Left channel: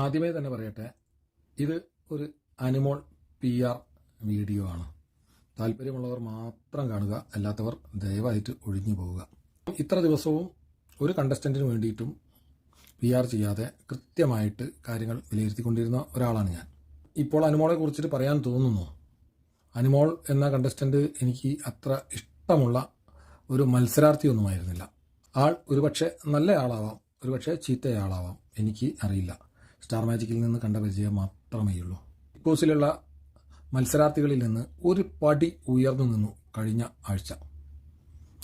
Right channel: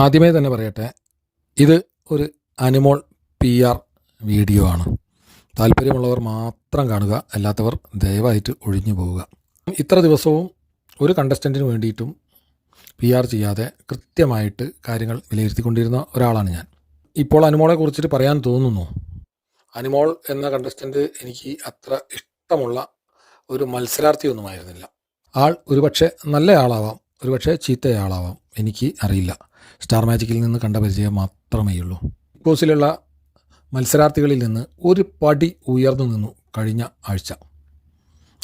ആദ്യമേ തന്നെ പറയട്ടെ, ഇത് ഒരു അനിമോൾ PR വീഡിയോ ആണ്. താല്പര്യമുള്ളവർ മാത്രം കാണുക, അല്ലാത്തവർ ദയവായിട്ട് ഒഴിഞ്ഞു പോവുക. ഇത്ര ദിവസവും ഒരു കണ്ടസ്റ്റൻറ്റിന് വേണ്ടിയിട്ടും PR ചെയ്യാതെ കൃത്യമായിട്ട് കാര്യങ്ങൾ വിലയിരുത്തിക്കൊണ്ടിരുന്ന ഒരാളാണ് ഞാൻ. ഇപ്പോൾ അനിമോളെ കുറിച്ചിട്ട് പറയാൻ തോന്നുന്നു. അനിമോൾ എന്ന കണ്ടസ്റ്റൻറ്റ് എനിക്ക് അത്ര ഇഷ്ടമുള്ള ഒരു മത്സരാർത്ഥിയൊന്നുമായിരുന്നില്ല. ആൾ ഒരുപക്ഷെ നല്ല ആളാവാം, ഒരുപക്ഷെ ചീത്തയാളാവാം, എനിക്ക് അറിയില്ല. സ്റ്റാർ മാജിക്കിൽ നിന്ന് കണ്ട പരിചയം മാത്രമേ ഉള്ളൂ. ബിഗ് ബോസിലുള്ള മത്സരാർത്ഥികളിൽ നിന്ന് ഒരു പടി ഉയർന്നു നിന്നു കഴിഞ്ഞ ആഴ്ച.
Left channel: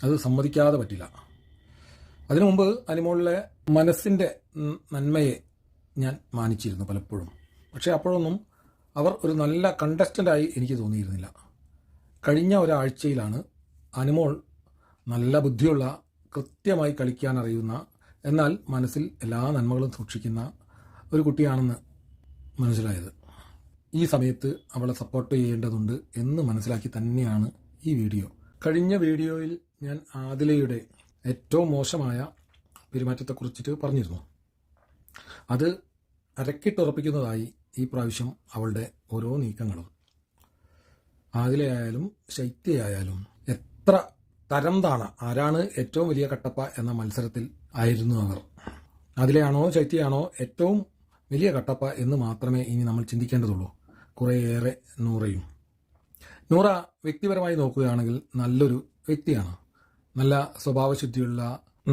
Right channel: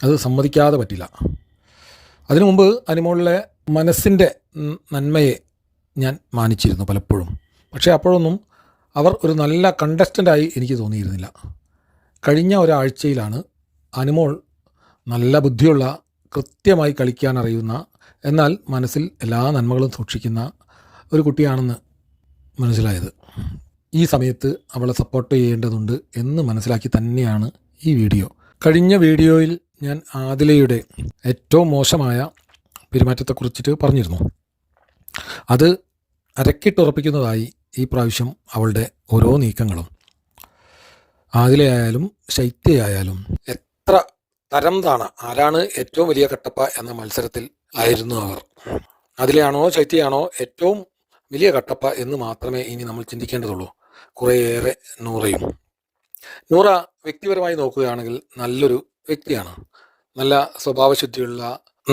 അത് സമ്മതിക്കാതെ പറ്റില്ല. അതിനു മുമ്പ് അനിമോളിലെ മനസ്സിൻ്റെ നന്മയെ ഞാൻ മാനിച്ചിരുന്നു പലപ്പോഴും. പക്ഷേ അപ്പോഴൊന്നും അവർ ഒരു നല്ല കണ്ടസ്റ്റൻ്റായി എനിക്ക് തോന്നിയിരുന്നില്ല. കഴിഞ്ഞ ഒരാഴ്ചയിലാണ് അനിമോൾ നല്ല ബുദ്ധിയുള്ള, കൃത്യമായി കളിക്കാൻ അറിയുന്ന, എന്നാൽ മനസ്സിൽ എല്ലാ നന്മകളും സൂക്ഷിക്കുന്ന ഒരു കുട്ടിയാണെന്ന് മനസ്സിലായത്. ഈ സമയത്ത് അവളെ സപ്പോർട്ട് ചെയ്യേണ്ടതുണ്ട് എന്ന് മനസ്സിലാക്കി തന്നെയാണ് ഈ വീഡിയോ. കഴിഞ്ഞ വീഡിയോയിൽ ഞാൻ ആദിലയുടെ ഏറ്റവും മോശമായ പെരുമാറ്റത്തെക്കുറിച്ചിട്ട് പറഞ്ഞിരുന്നു. അത് അരക്കിട്ടുറപ്പിക്കുന്നതായി ഈ പ്രാവശ്യം അവളുടെ ഓരോ നീക്കങ്ങളും. ആദിലയായാലും ശൈത്യയായാലും എത്ര തരം താണ, ആരാണ് ഏറ്റവും വലിയ കട്ടപ്പ എന്ന മത്സരത്തിൽ ആയിരുന്നു അവർ. ആദിലയാണോ ശൈത്യയാണോ ഏറ്റവും വലിയ കട്ടപ്പ എന്ന് മാത്രമേ ഇനി നമ്മൾ ചിന്തിക്കേണ്ടതുള്ളൂ. കുറേയേറെ നൂറയും. നൂറ വ്യക്തിപരമായി നോക്കുകയാണെങ്കിൽ നല്ലൊരു വ്യക്തിയാണ്, നല്ല സ്വഭാവശുദ്ധിയുള്ള,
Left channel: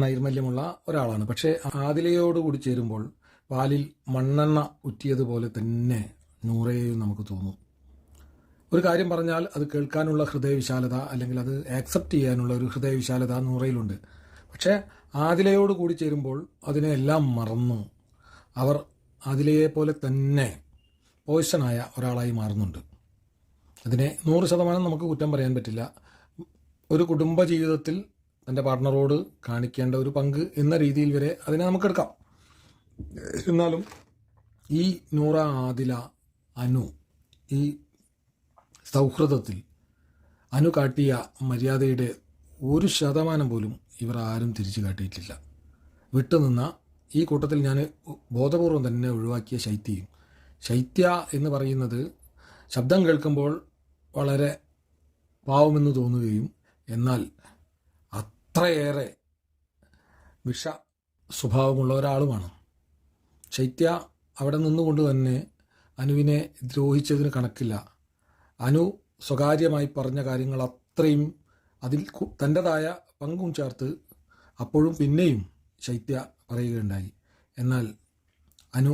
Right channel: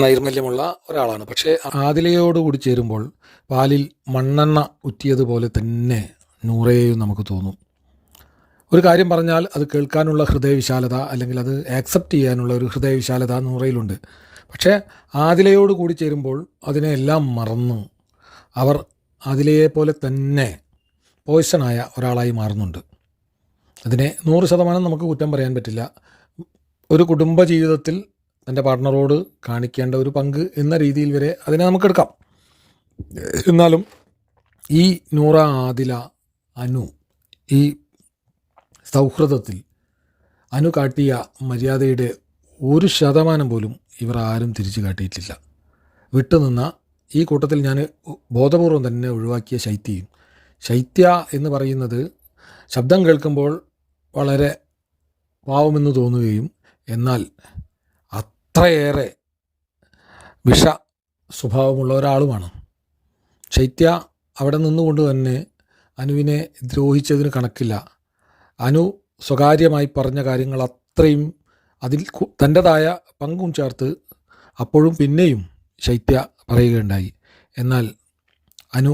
നൈർമല്യമുള്ള ഒരാളാണ്. പക്ഷേ ആദിലയോടുകൂടി ചേരുമ്പോൾ പാലിൽ മണ്ണെണ്ണ ഉറ്റിയതുപോലെ തന്നെ നൂറയെയും നമുക്ക് തോന്നും. ഒരു കാര്യം പറഞ്ഞാൽ അത് കേൾക്കാനുള്ള ഹൃദയവിശാലത, അല്ലെങ്കിൽ അത് ആക്സെപ്റ്റ് ചെയ്യാനുള്ള ഒരു ഹൃദയവിശാലത നൂറയിലുണ്ട്. പക്ഷേ ആദിലയോട് കൂടി ചേരുമ്പോൾ അതിനെല്ലാം മറന്നു അവർ ആദിലയെ പോലെ തന്നെ പോയ്സണായ ഒരാളായി മാറുന്നുണ്ട്. അതിനെ 100% നമുക്ക് കുറ്റം പറയാൻ പറ്റില്ല. ഒരു കുടുംബ ജീവിതത്തിൽ തൻ്റെ പാർട്ട്ണറോട് കാണിക്കേണ്ട ഒരു പങ്ക് എന്ന രീതിയിൽ വരെ അതിനെ നമുക്കെടുക്കാം. എന്നാലും ഈ നൂറ, ആദില, അനു, ഈ സൗഹൃദത്തിൽ അനു കാട്ടിയ മര്യാദയുടെ 1% പോലും ഇവർ ആരും തിരിച്ചു കാട്ടിയിട്ടില്ല. വിട്ടുനിന്ന ഈ കൂട്ടത്തിൽ ഞാൻ ബോധപൂർവം തന്നെ ഒഴിവാക്കിയ ശൈത്യയും. ശൈത്യ എന്ന് പറയുന്നത് ശബ്ദം കേൾക്കുമ്പോൾ വളരെ പാവമെന്ന് തോന്നുകയും എന്നാൽ അത്രയേറെ വിഷ സ്വഭാവമുള്ള ഒരാളുമാണ്. ശൈത്യ അവിടെ നിന്നുകൊണ്ട് തന്നെ അനുവിനെ ദ്രോഹിച്ചതിന് കണക്കില്ല. അനു സ്വകാര്യമായി പറഞ്ഞ കാര്യങ്ങൾ അത്രയും അതിൽ തൻ്റെതായ പങ്കും ചേർത്ത് അപ്പോഴും പിന്നെയും ശൈത്യ പറയുകയുണ്ടായി. എന്നാൽ അനു